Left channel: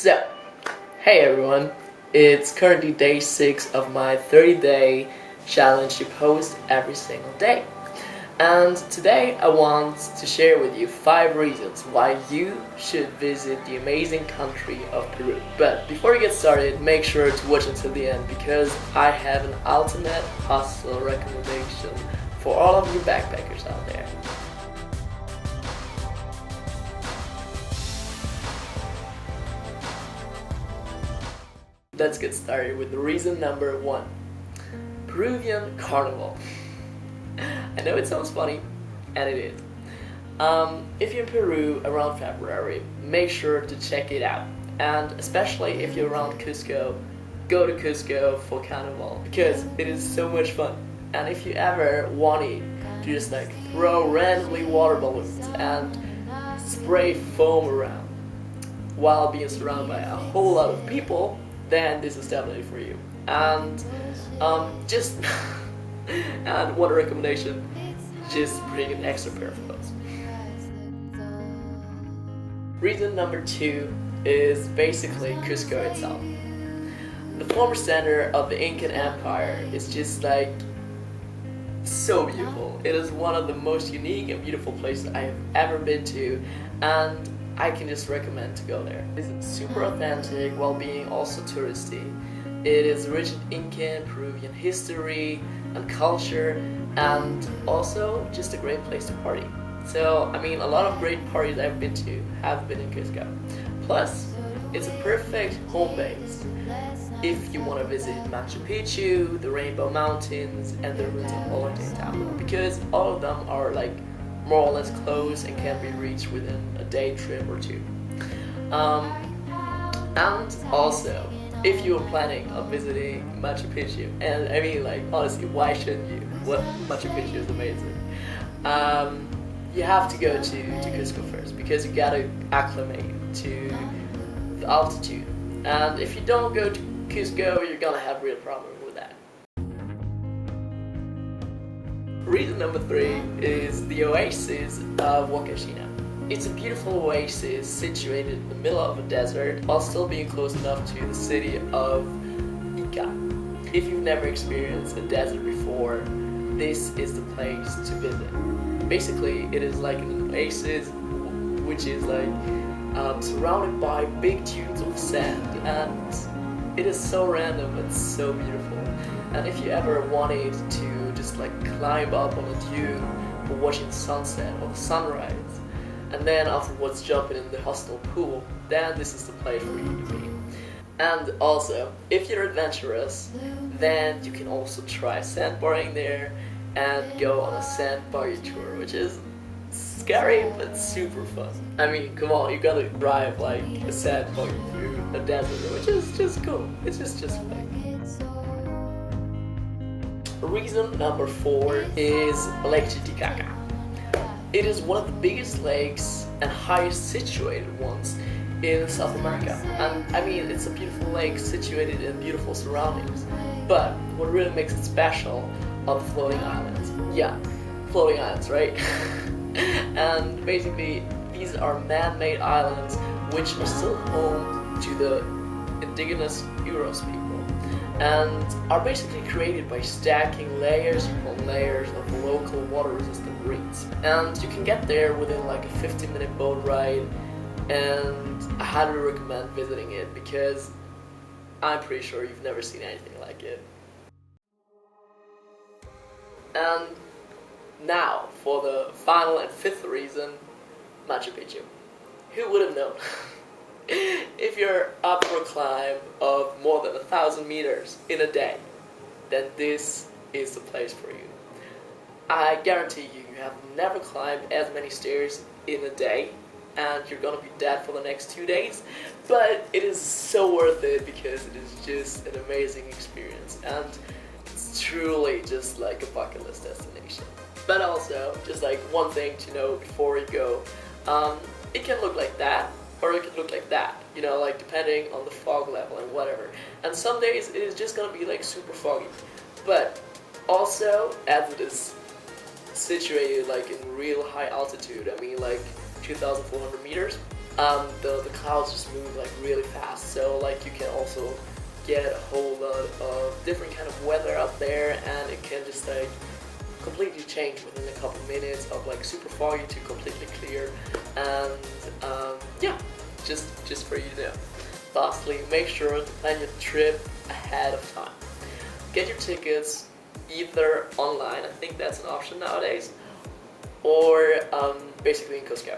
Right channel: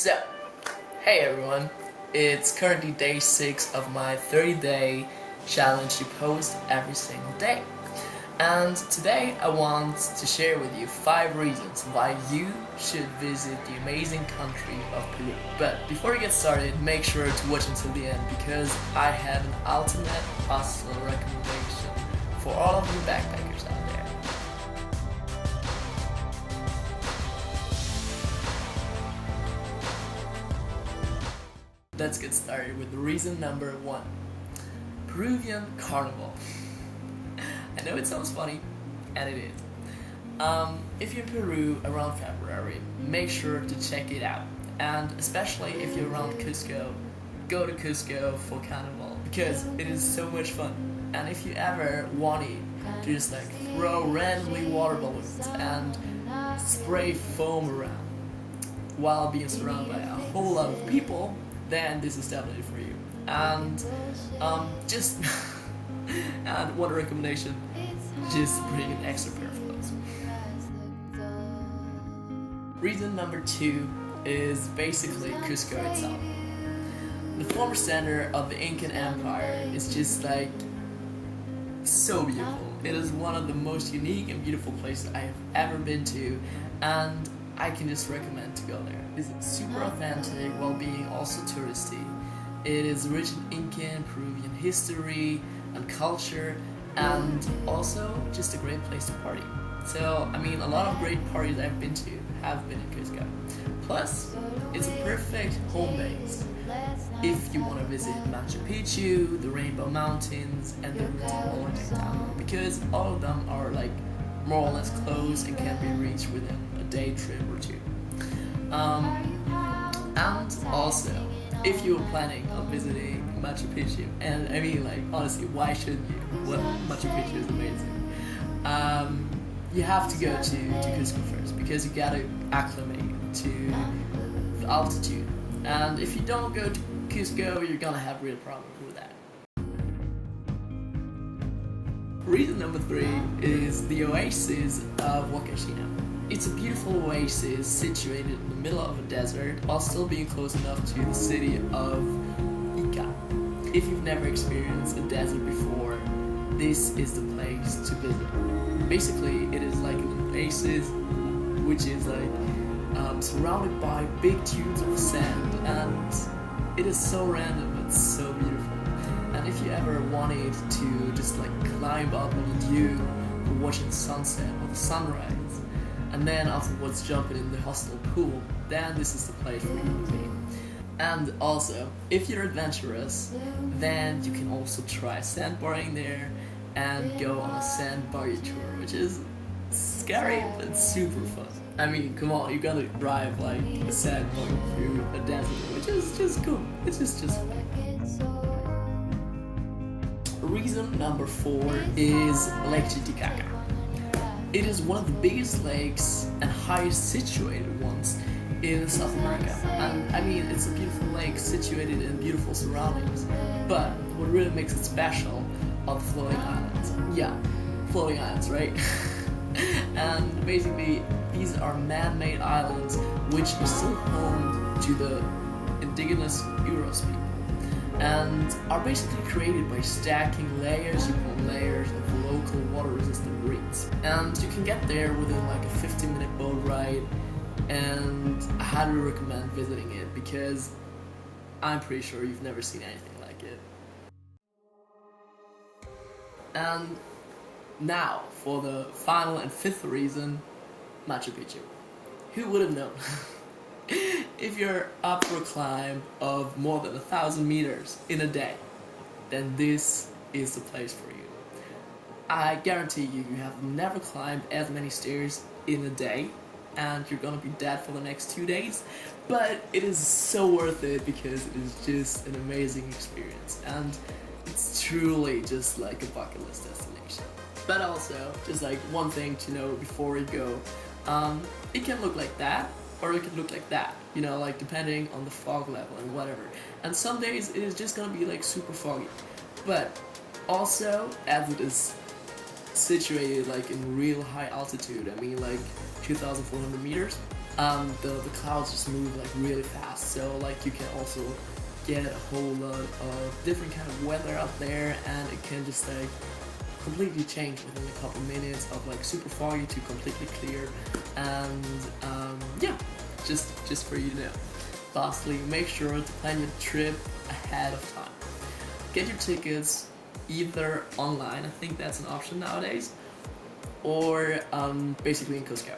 So, hey everyone, it's currently day 6 of my 30-day challenge to post every single day. And today I want to share with you 5 reasons why you should visit the amazing country of Peru. But before we get started, make sure to watch until the end because I have an ultimate hostel recommendation for all of you backpackers out there. Let's get started with reason number 1. Peruvian Carnival. I know it sounds funny, and it is. If you're in Peru around February, make sure to check it out. And especially if you're around Cusco, go to Cusco for Carnival because it is so much fun. And if you ever wanted to just throw randomly water balloons and spray foam around while being surrounded by a whole lot of people, then this is definitely for you. And and one recommendation, just bring an extra pair of clothes. Reason number 2 is basically Cusco itself. The former center of the Incan Empire is just so beautiful. It is one of the most unique and beautiful places I have ever been to, and I can just recommend to go there. It's super authentic while being also touristy. It is rich in Incan, Peruvian history and culture, and also just a great place to party. So, a lot of great parties I've been to have been in Cusco. Plus, it's a perfect home base if you want to visit Machu Picchu, the Rainbow Mountains, and the ruins of Old Town, because all of them are more or less close and can be reached within a day trip or two. And also, if you were planning on visiting Machu Picchu, and honestly, why shouldn't you? Machu Picchu is amazing. You have to go to Cusco first because you gotta acclimate to the altitude. And if you don't go to Cusco, you're gonna have real problems with that. Reason number 3 is the Oasis of Huacachina. It's a beautiful oasis situated in the middle of a desert while still being close enough to the city of Inca. If you've never experienced a desert before, this is the place to visit. Basically, it is like an oasis which is surrounded by big tubes of sand, and it is so random but so beautiful. And if you ever wanted to just climb up on a dune for watching the sunset or the sunrise, and then afterwards jumping in the hostel pool, then this is the place for you to be. And also, if you're adventurous, then you can also try sandboarding there and go on a sand buggy tour, which is scary but super fun. Come on, you gotta drive a sand buggy through a desert, which is just cool. It's just fun. Reason number 4 is Lake Titicaca. It is one of the biggest lakes and highest situated ones in South America. And it's a beautiful lake situated in beautiful surroundings. But what really makes it special are the floating islands. Yeah, floating islands, right? And basically, these are man-made islands which are still home to the indigenous Euros people, and are basically created by stacking layers upon layers of local water-resistant reeds. And you can get there within a 15-minute boat ride, and I highly recommend visiting it because I'm pretty sure you've never seen anything like it. And now for the final and 5th reason, Machu Picchu. Who would have known? If you're up for a climb of more than 1,000 meters in a day, then this is the place for you. I guarantee you have never climbed as many stairs in a day, and you're gonna be dead for the next 2 days, but it is so worth it because it is just an amazing experience, and it's truly just a bucket list destination. But also, just one thing to know before you go, it can look like that, or it can look like that, depending on the fog level and whatever. And some days it is just gonna be super foggy. But also, as it is situated in real high altitude, 2,400 meters, the clouds just move like really fast, so like you can also get a whole lot of different kind of weather out there, and it can just like completely change within a couple minutes of like super foggy to completely clear. And yeah, just for you to know. Lastly, make sure to plan your trip ahead of time. Get your tickets either online, I think that's an option nowadays, or basically in Cusco.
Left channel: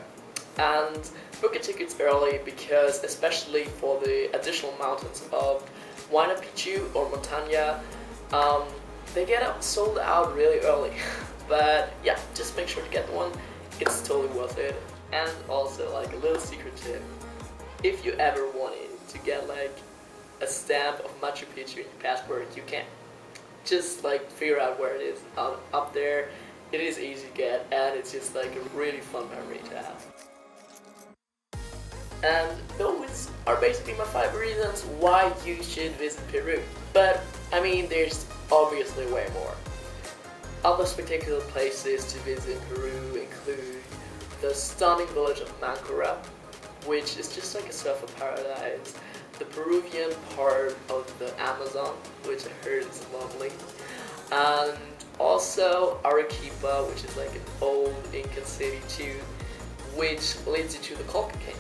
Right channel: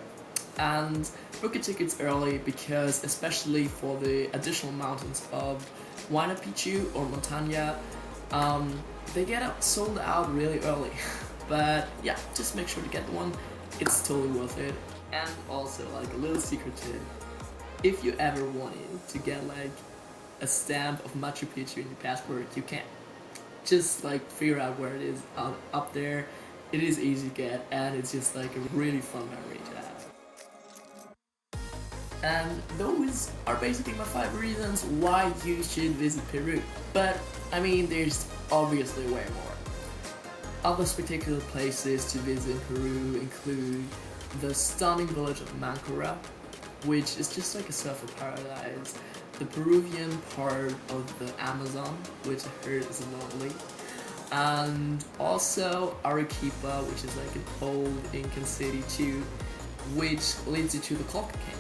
And book your tickets early, because especially for the additional mountains of Machu Picchu or Montaña, they get sold out really early. But yeah, just make sure to get one. It's totally worth it. And also, like a little secret tip, if you ever wanted to get like a stamp of Machu Picchu in your passport, you can. Just like figure out where it is up there. It is easy to get, and it's just like a really fun memory to have. And those are basically my 5 reasons why you should visit Peru. But I mean, there's obviously way more. Other spectacular places to visit in Peru include the stunning village of Mancora, which is just like a surfer paradise, the Peruvian part of the Amazon, which I heard is lovely, and also Arequipa, which is like an old Incan city too, which leads you to the Colca Canyon.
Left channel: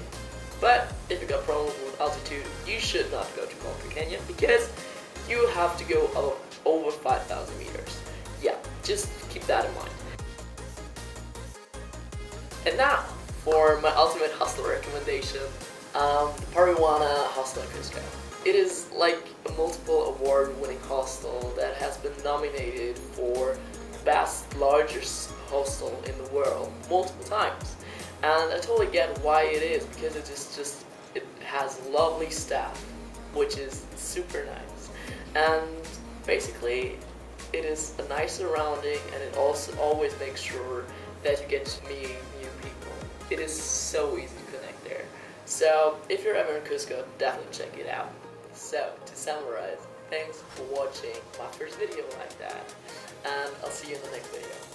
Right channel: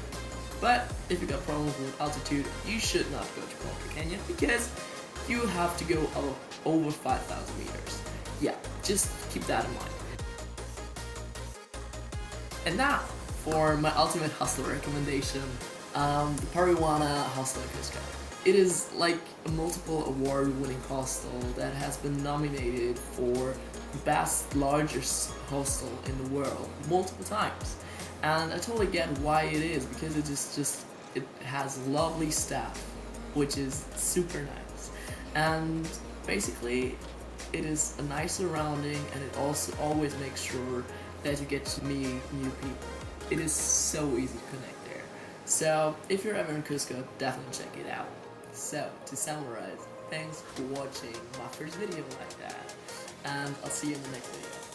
But if you got problems with altitude, you should not go to Colca Canyon, because you have to go up over 5,000 meters. Yeah, just keep that in mind. And now, for my ultimate hostel recommendation, the Peruana Hostel in Cusco. It is like a multiple award-winning hostel that has been nominated for best largest hostel in the world multiple times. And I totally get why it is, because it has lovely staff, which is super nice. And basically, it is a nice surrounding, and it also always makes sure that you get to meet new people. It is so easy to connect there. So if you're ever in Cusco, definitely check it out. So to summarize, thanks for watching my first video like that, and I'll see you in the next video.